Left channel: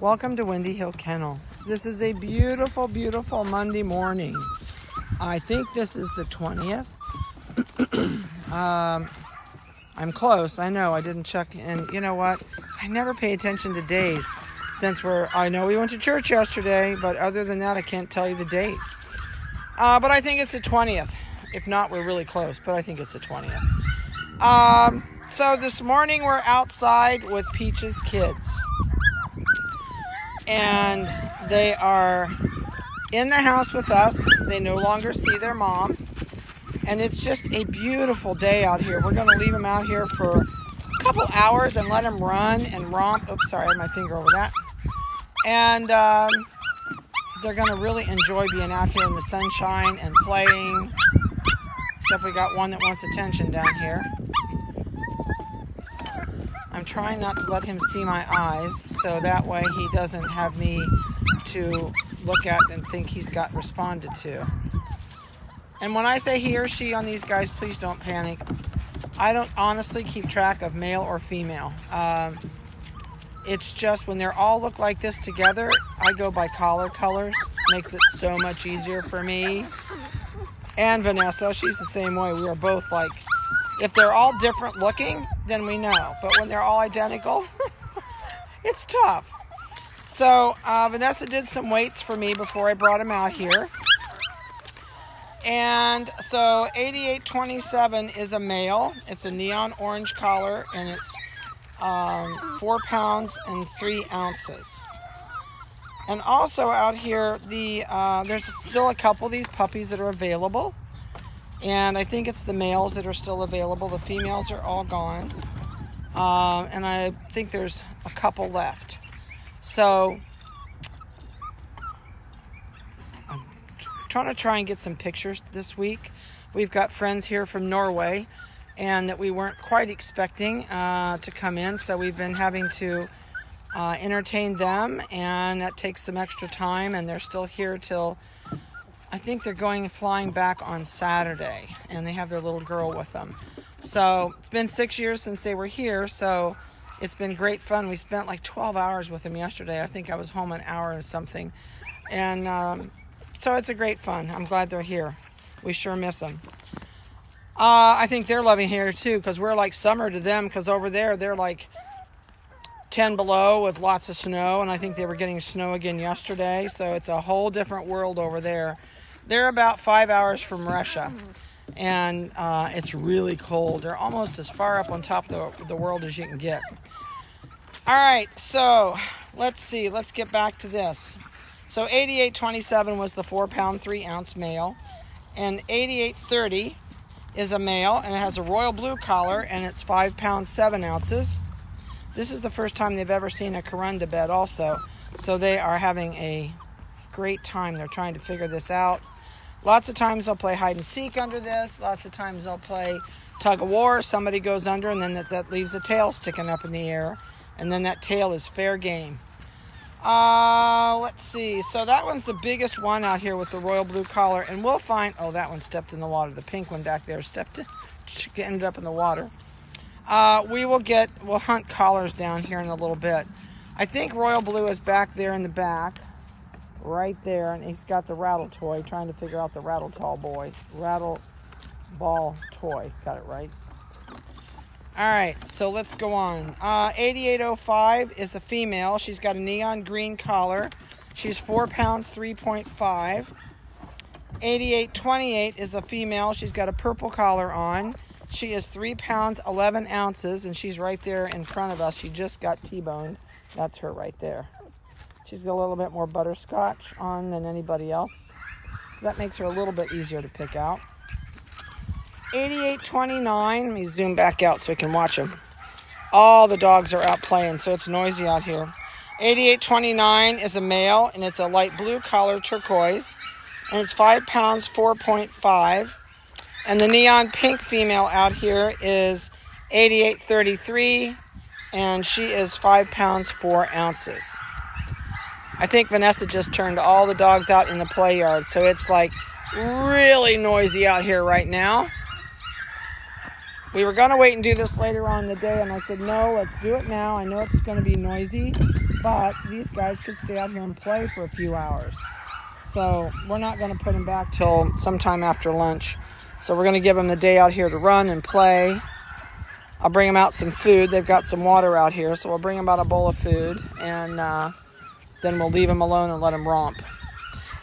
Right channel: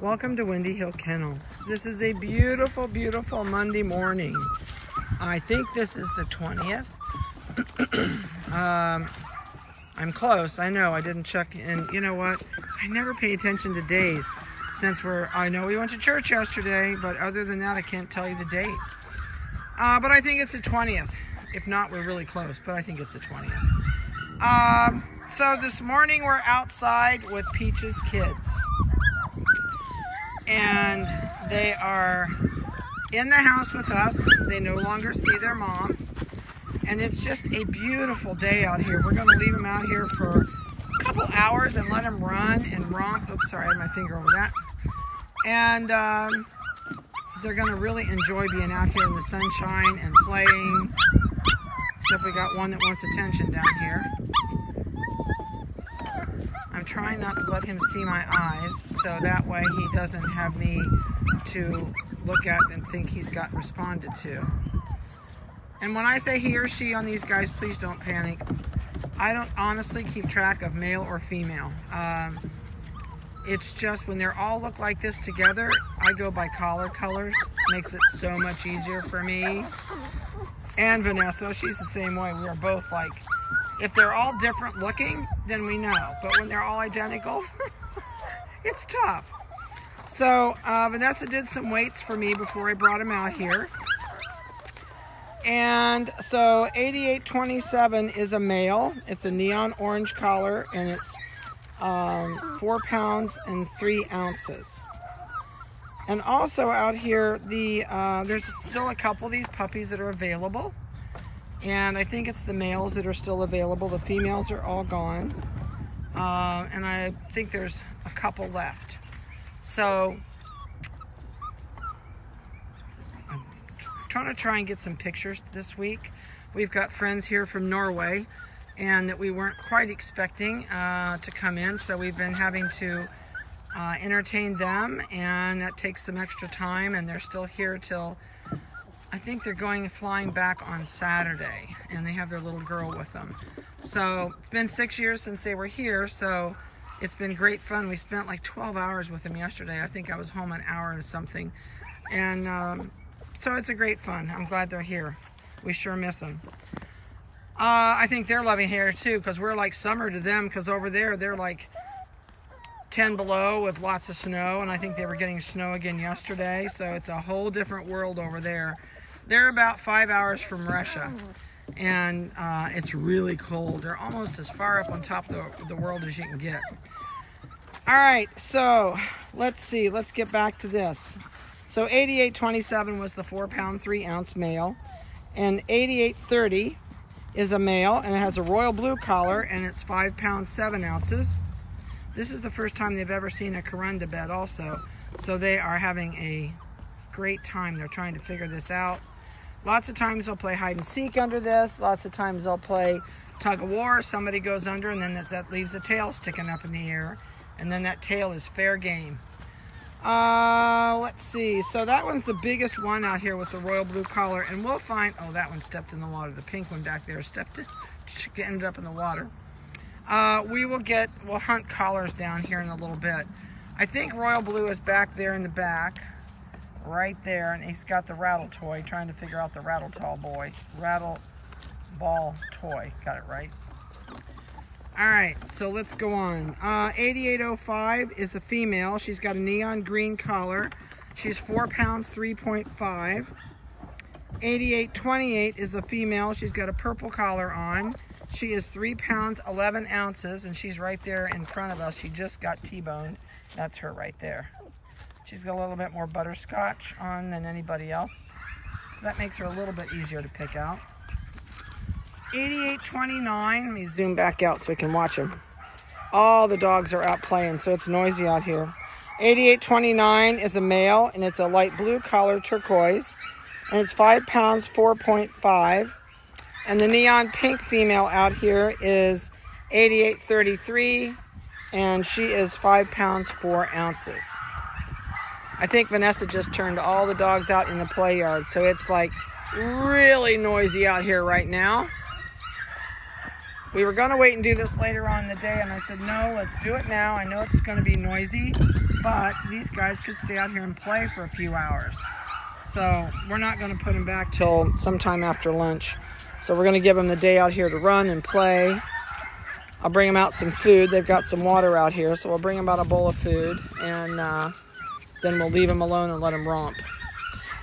Welcome to Windy Hill Kennel. This is a beautiful, beautiful Monday morning. I think this is the 20th. I'm close, I know, I didn't check, and you know what? I never pay attention to days since I know we went to church yesterday, but other than that, I can't tell you the date. But I think it's the 20th. If not, we're really close, but I think it's the 20th. So this morning we're outside with Peach's kids. And they are in the house with us. They no longer see their mom. And it's just a beautiful day out here. We're going to leave them out here for a couple hours and let them run and romp. Oops, sorry, I had my finger over that. And they're going to really enjoy being out here in the sunshine and playing. Except we got one that wants attention down here. I'm trying not to let him see my eyes, so that way he doesn't have me to look at and think he's got responded to. And when I say he or she on these guys, please don't panic. I don't honestly keep track of male or female. It's just when they're all look like this together, I go by collar colors. Makes it so much easier for me. And Vanessa, she's the same way. We are both like, if they're all different looking, then we know. But when they're all identical, it's tough. So Vanessa did some weights for me before I brought him out here. And so 8827 is a male. It's a neon orange collar, and it's 4 pounds and 3 ounces. And also out here, there's still a couple of these puppies that are available. And I think it's the males that are still available. The females are all gone. And I think there's a couple left. So I'm trying to get some pictures this week. We've got friends here from Norway and that we weren't quite expecting to come in. So we've been having to entertain them, and that takes some extra time, and they're still here till I think they're flying back on Saturday, and they have their little girl with them. So it's been 6 years since they were here, so it's been great fun. We spent like 12 hours with them yesterday. I think I was home an hour and something. And so it's a great fun. I'm glad they're here. We sure miss them. I think they're loving here too, because we're like summer to them, because over there they're like 10 below with lots of snow, and I think they were getting snow again yesterday, so it's a whole different world over there. They're about 5 hours from Russia, and it's really cold. They're almost as far up on top of the world as you can get. All right, so let's see. Let's get back to this. So 8827 was the 4 pound 3 ounce male, and 8830 is a male, and it has a royal blue collar, and it's 5 pounds 7 ounces. This is the first time they've ever seen a Corunda bed also, so they are having a great time. They're trying to figure this out. Lots of times they'll play hide and seek under this. Lots of times they'll play tug of war. Somebody goes under, and then that leaves a tail sticking up in the air, and then that tail is fair game. Let's see. So that one's the biggest one out here with the royal blue collar, and we'll find, oh, that one stepped in the water. The pink one back there ended up in the water. We'll hunt collars down here in a little bit. I think royal blue is back there in the back, right there, and he's got the rattle toy, trying to figure out the rattle ball toy. Got it right. All right, so let's go on. 8805 is a female. She's got a neon green collar. She's 4 pounds 3.5. 8828 is a female. She's got a purple collar on. She is 3 pounds 11 ounces, and she's right there in front of us. She just got T-boned. That's her right there. She's got a little bit more butterscotch on than anybody else, so that makes her a little bit easier to pick out. 8829, let me zoom back out so we can watch them. All the dogs are out playing, so it's noisy out here. 8829 is a male, and it's a light blue collar turquoise, and it's 5 pounds 4.5. And the neon pink female out here is 8833, and she is 5 pounds 4 ounces. I think Vanessa just turned all the dogs out in the play yard, so it's like really noisy out here right now. We were going to wait and do this later on in the day, and I said, no, let's do it now. I know it's going to be noisy, but these guys could stay out here and play for a few hours. So we're not going to put them back till sometime after lunch. So we're going to give them the day out here to run and play. I'll bring them out some food. They've got some water out here, so we'll bring them out a bowl of food, and then we'll leave them alone and let them romp.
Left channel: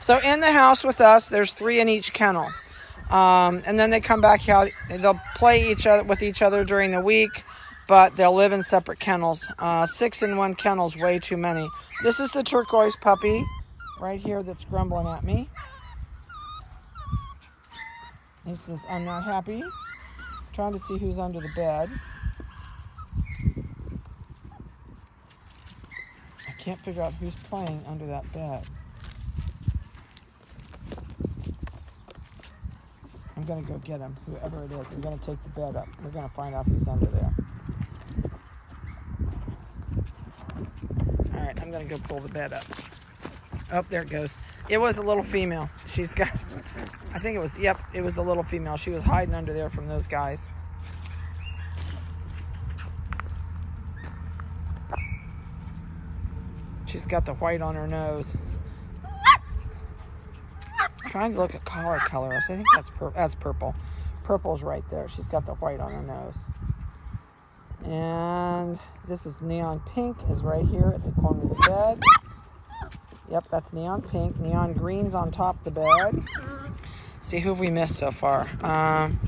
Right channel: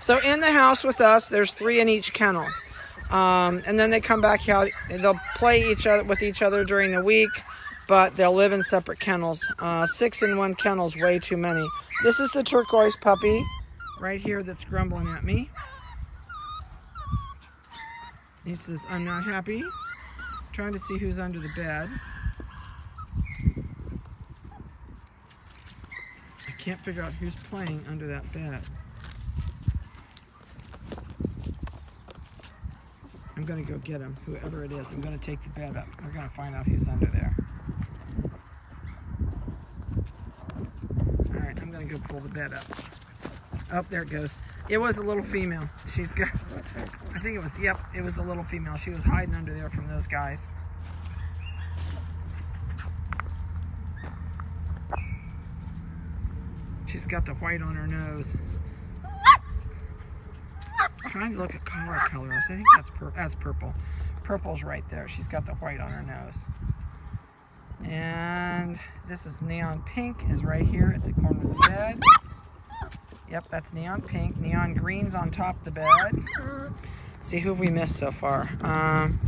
So in the house with us, there's 3 in each kennel. And then they come back out. They'll play with each other during the week, but they'll live in separate kennels. 6 in one kennel is way too many. This is the turquoise puppy right here that's grumbling at me. He says, I'm not happy. Trying to see who's under the bed. I can't figure out who's playing under that bed. I'm going to go get him, whoever it is. I'm going to take the bed up. We're going to find out who's under there. All right, I'm going to go pull the bed up. Oh, there it goes. It was a little female. She's got, I think it was, yep, it was the little female. She was hiding under there from those guys. She's got the white on her nose. I'm trying to look at collar colors. I think that's purple. Purple's right there. She's got the white on her nose. And this is neon pink is right here at the corner of the bed. Yep, that's neon pink. Neon green's on top of the bed. See, who have we missed so far? I'm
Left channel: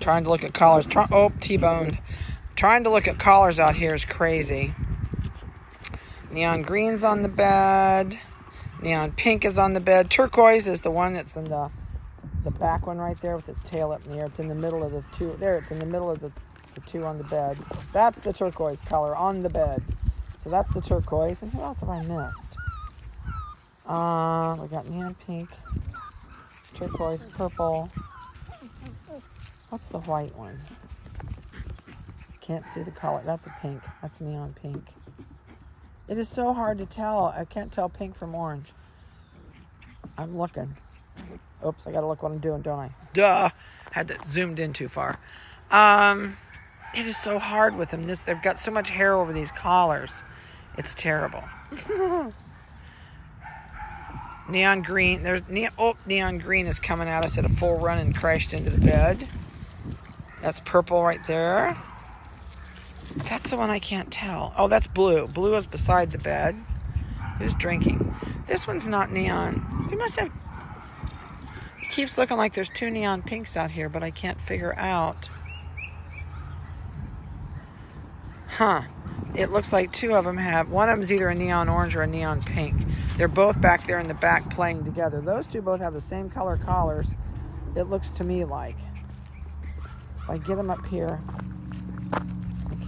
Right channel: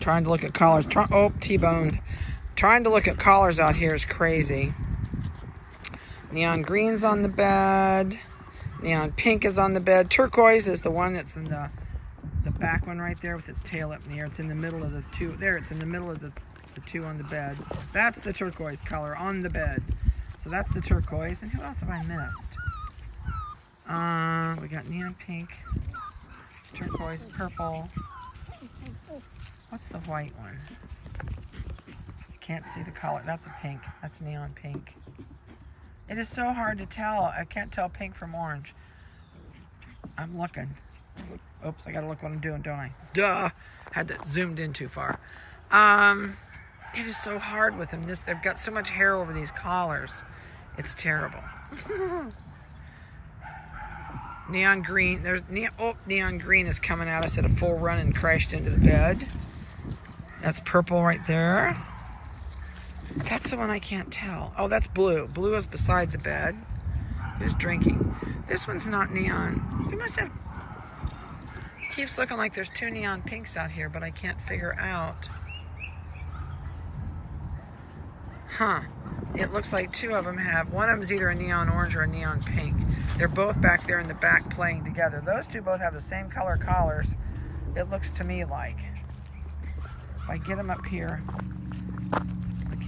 trying to look at collars. Oh, T-boned. Trying to look at collars out here is crazy. Neon green's on the bed. Neon pink is on the bed. Turquoise is the one that's in the back one right there with its tail up in the air. It's in the middle of the 2. There, it's in the middle of the 2 on the bed. That's the turquoise color on the bed. So that's the turquoise. And who else have I missed? We got neon pink, turquoise, purple. What's the white one? Can't see the color. That's a pink. That's neon pink. It is so hard to tell. I can't tell pink from orange. I'm looking. Oops, I gotta look what I'm doing, don't I? Duh! Had that zoomed in too far. It is so hard with them. They've got so much hair over these collars. It's terrible. Neon green. Neon green is coming at us at a full run and crashed into the bed. That's purple right there. That's the one I can't tell. Oh, that's blue. Blue is beside the bed. Who's drinking? This one's not neon. We must have... It keeps looking like there's 2 neon pinks out here, but I can't figure out. Huh. It looks like 2 of them have... One of them is either a neon orange or a neon pink. They're both back there in the back playing together. Those 2 both have the same color collars. It looks to me like. If I get them up here...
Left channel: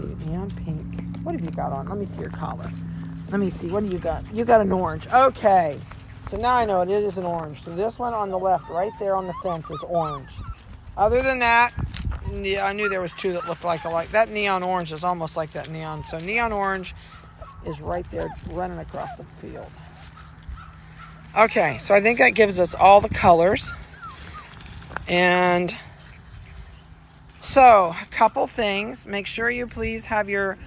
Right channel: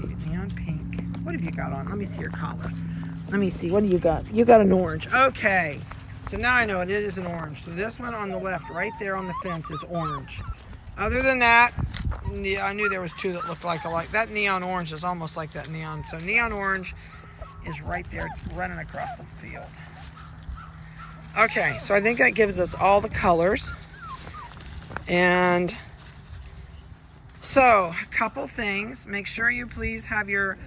Okay, neon pink. What have you got on? Let me see your collar. Let me see. What do you got? You got an orange. Okay. So now I know it is an orange. So this one on the left, right there on the fence, is orange. Other than that, yeah, I knew there was 2 that looked like alike. That neon orange is almost like that neon. So neon orange is right there running across the field. Okay, so I think that gives us all the colors. And... so, a couple things. Make sure you please have your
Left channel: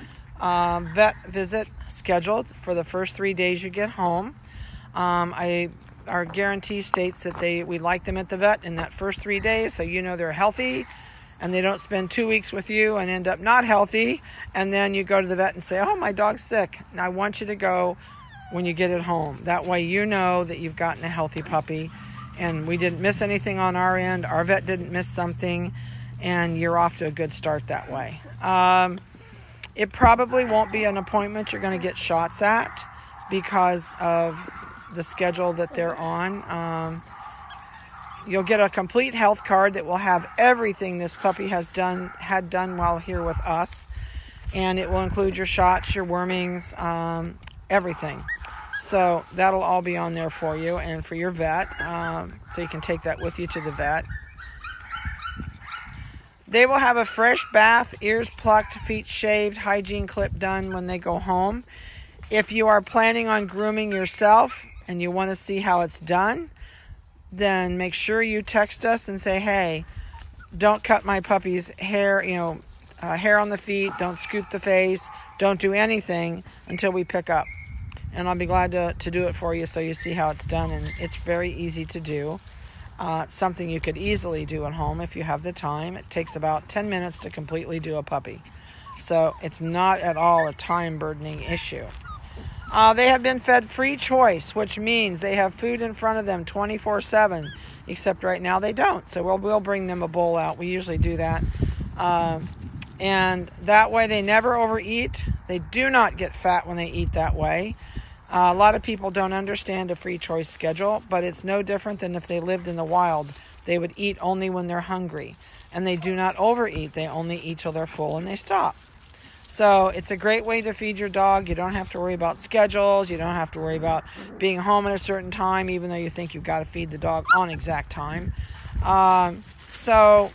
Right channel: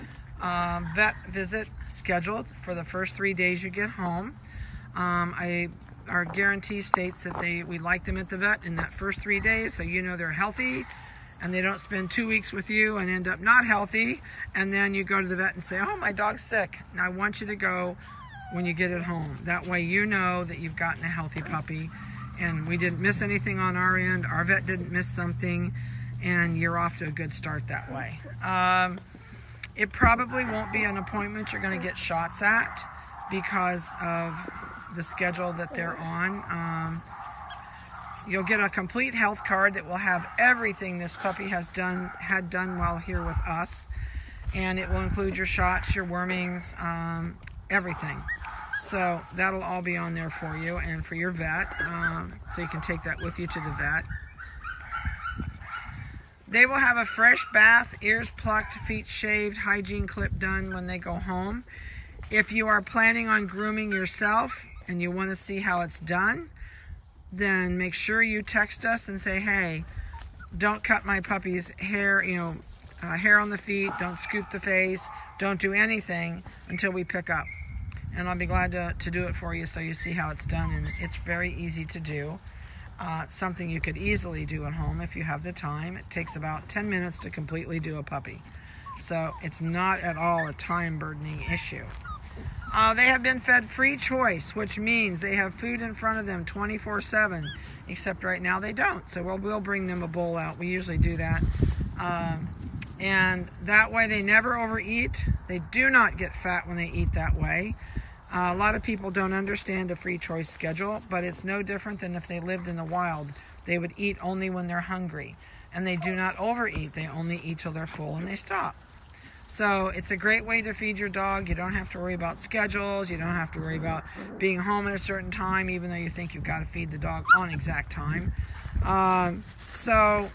vet visit scheduled for the first 3 days you get home. Our guarantee states that we like them at the vet in that first 3 days, so you know they're healthy and they don't spend 2 weeks with you and end up not healthy, and then you go to the vet and say, oh, my dog's sick. And I want you to go when you get it home. That way you know that you've gotten a healthy puppy and we didn't miss anything on our end. Our vet didn't miss something. And you're off to a good start that way. It probably won't be an appointment you're going to get shots at because of the schedule that they're on. You'll get a complete health card that will have everything this puppy had done while here with us. And it will include your shots, your wormings, everything. So that'll all be on there for you and for your vet. So you can take that with you to the vet. They will have a fresh bath, ears plucked, feet shaved, hygiene clip done when they go home. If you are planning on grooming yourself and you want to see how it's done, then make sure you text us and say, hey, don't cut my puppy's hair, hair on the feet, don't scoop the face, don't do anything until we pick up. And I'll be glad to do it for you so you see how it's done. And it's very easy to do. It's something you could easily do at home if you have the time. It takes about 10 minutes to completely do a puppy. So it's not at all a time-burdening issue. They have been fed free choice, which means they have food in front of them 24/7, except right now they don't. So we'll bring them a bowl out. We usually do that. And that way they never overeat. They do not get fat when they eat that way. A lot of people don't understand a free choice schedule, but it's no different than if they lived in the wild. They would eat only when they're hungry. And they do not overeat. They only eat till they're full and they stop. So it's a great way to feed your dog. You don't have to worry about schedules. You don't have to worry about being home at a certain time, even though you think you've got to feed the dog on exact time. So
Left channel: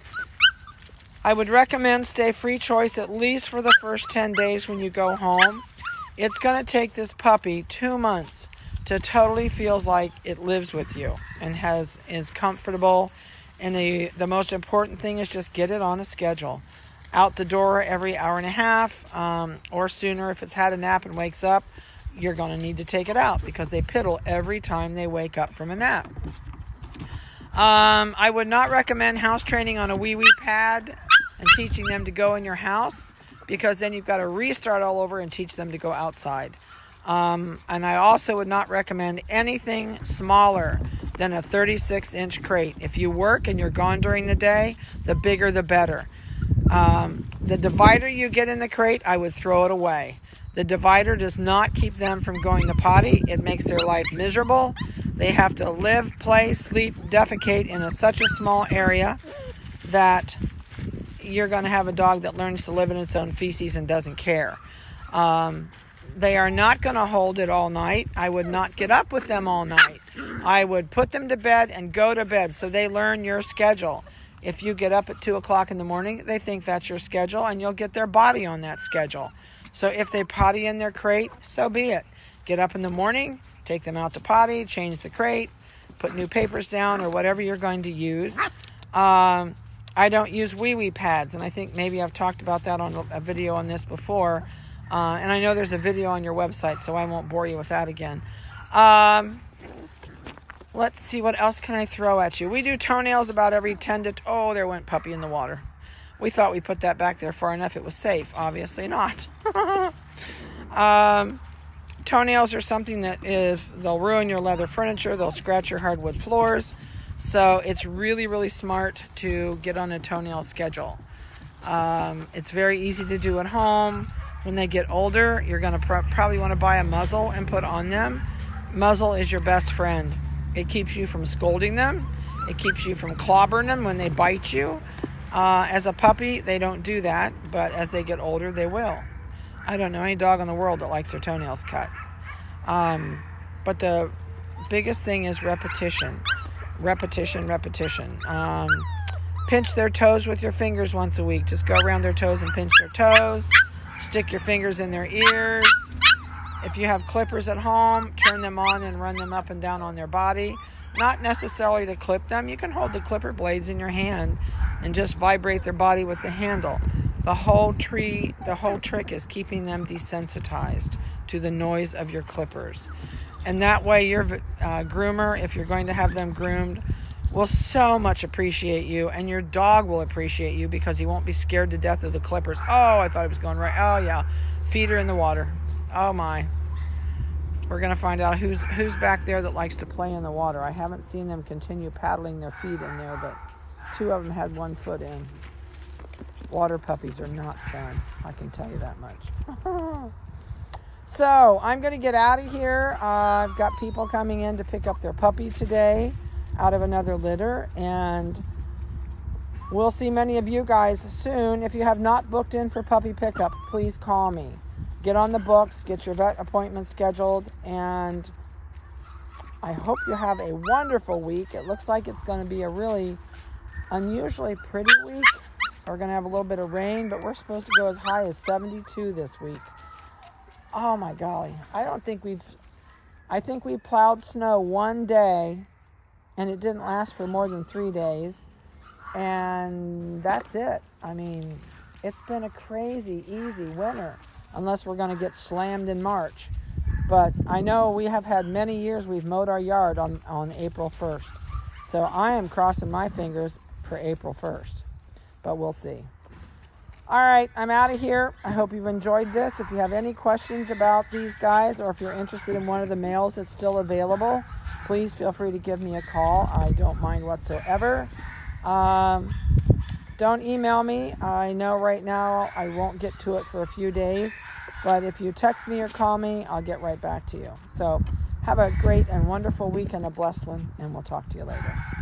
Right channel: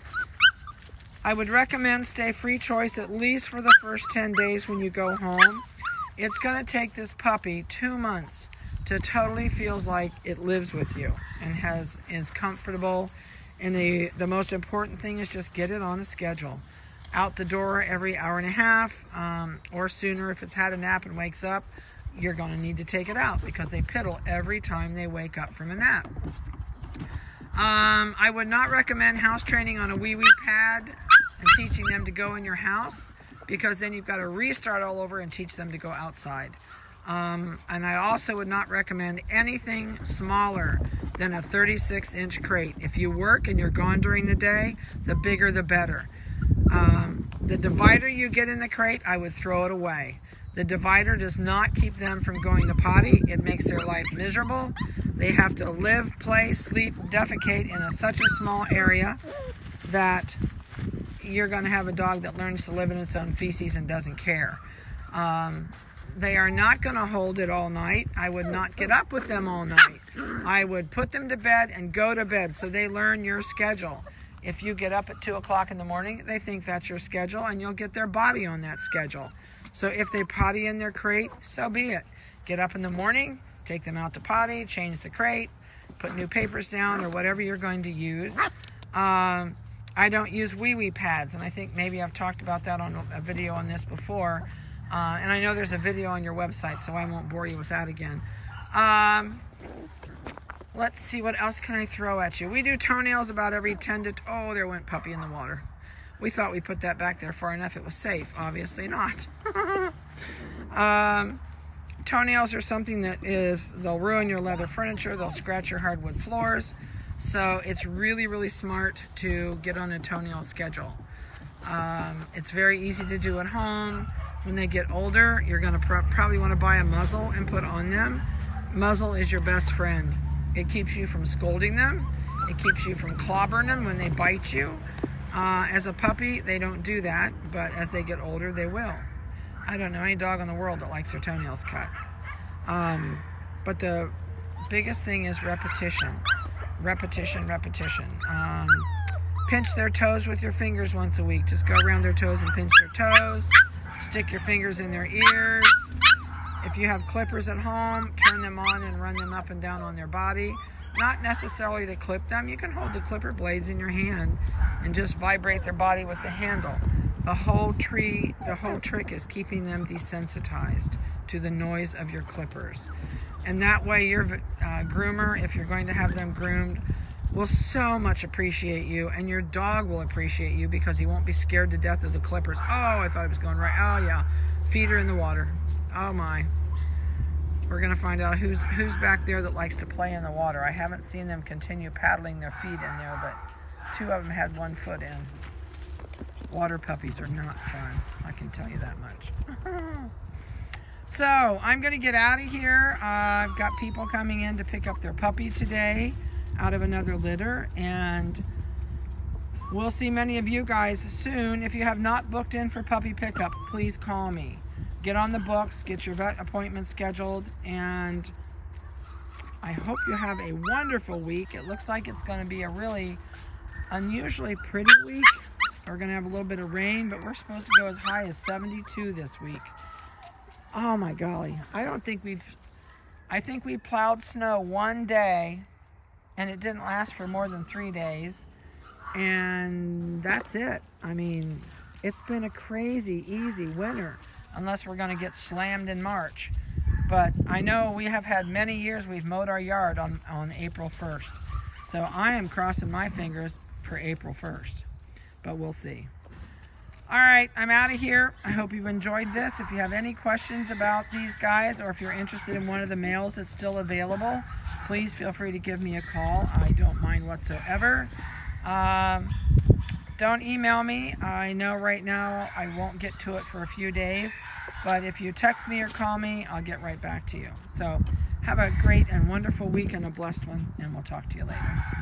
I would recommend stay free choice at least for the first 10 days when you go home. It's going to take this puppy 2 months to totally feels like it lives with you and is comfortable. And the most important thing is just get it on a schedule. Out the door every hour and a half or sooner. If it's had a nap and wakes up, you're going to need to take it out because they piddle every time they wake up from a nap. I would not recommend house training on a wee-wee pad and teaching them to go in your house, because then you've got to restart all over and teach them to go outside. And I also would not recommend anything smaller than a 36-inch crate. If you work and you're gone during the day, the bigger the better. The divider you get in the crate, I would throw it away. The divider does not keep them from going to potty. It makes their life miserable. They have to live, play, sleep, defecate in such a small area that you're going to have a dog that learns to live in its own feces and doesn't care. They are not going to hold it all night. I would not get up with them all night. I would put them to bed and go to bed so they learn your schedule. If you get up at 2 o'clock in the morning, they think that's your schedule, and you'll get their body on that schedule. So if they potty in their crate, so be it. Get up in the morning, take them out to potty, change the crate, put new papers down or whatever you're going to use. I don't use wee-wee pads, and I think maybe I've talked about that on a video on this before. And I know there's a video on your website, so I won't bore you with that again. Let's see, what else can I throw at you? We do toenails about every 10 to... Oh, there went puppy in the water. We thought we put that back there far enough it was safe. Obviously not. Toenails are something that they'll ruin your leather furniture. They'll scratch your hardwood floors. So it's really, really smart to get on a toenail schedule. It's very easy to do at home. When they get older, you're going to probably want to buy a muzzle and put on them. Muzzle is your best friend. It keeps you from scolding them. It keeps you from clobbering them when they bite you. As a puppy, they don't do that, but as they get older, they will. I don't know any dog in the world that likes their toenails cut. But the biggest thing is repetition. Repetition, repetition. Pinch their toes with your fingers once a week. Just go around their toes and pinch their toes. Stick your fingers in their ears. If you have clippers at home, turn them on and run them up and down on their body. Not necessarily to clip them. You can hold the clipper blades in your hand and just vibrate their body with the handle. The whole trick is keeping them desensitized to the noise of your clippers. And that way your groomer, if you're going to have them groomed, will so much appreciate you, and your dog will appreciate you because he won't be scared to death of the clippers. Oh, I thought it was going right. Oh yeah, feet are in the water. Oh my. We're gonna find out who's back there that likes to play in the water. I haven't seen them continue paddling their feet in there, but 2 of them had 1 foot in. Water puppies are not fun, I can tell you that much. So I'm gonna get out of here. I've got people coming in to pick up their puppy today out of another litter, and we'll see many of you guys soon. If you have not booked in for puppy pickup, please call me. Get on the books, get your vet appointment scheduled, and I hope you have a wonderful week. It looks like it's going to be a really unusually pretty week. We're going to have a little bit of rain, but we're supposed to go as high as 72 this week. Oh my golly. I think we plowed snow one day and it didn't last for more than 3 days. And that's it. I mean, it's been a crazy, easy winter, unless we're going to get slammed in March. But I know we have had many years we've mowed our yard on April 1st. So I am crossing my fingers for April 1st. But we'll see. All right, I'm out of here. I hope you've enjoyed this. If you have any questions about these guys, or if you're interested in one of the males that's still available, please feel free to give me a call. I don't mind whatsoever. Don't email me. I know right now I won't get to it for a few days, but if you text me or call me, I'll get right back to you. So have a great and wonderful week and a blessed one, and we'll talk to you later.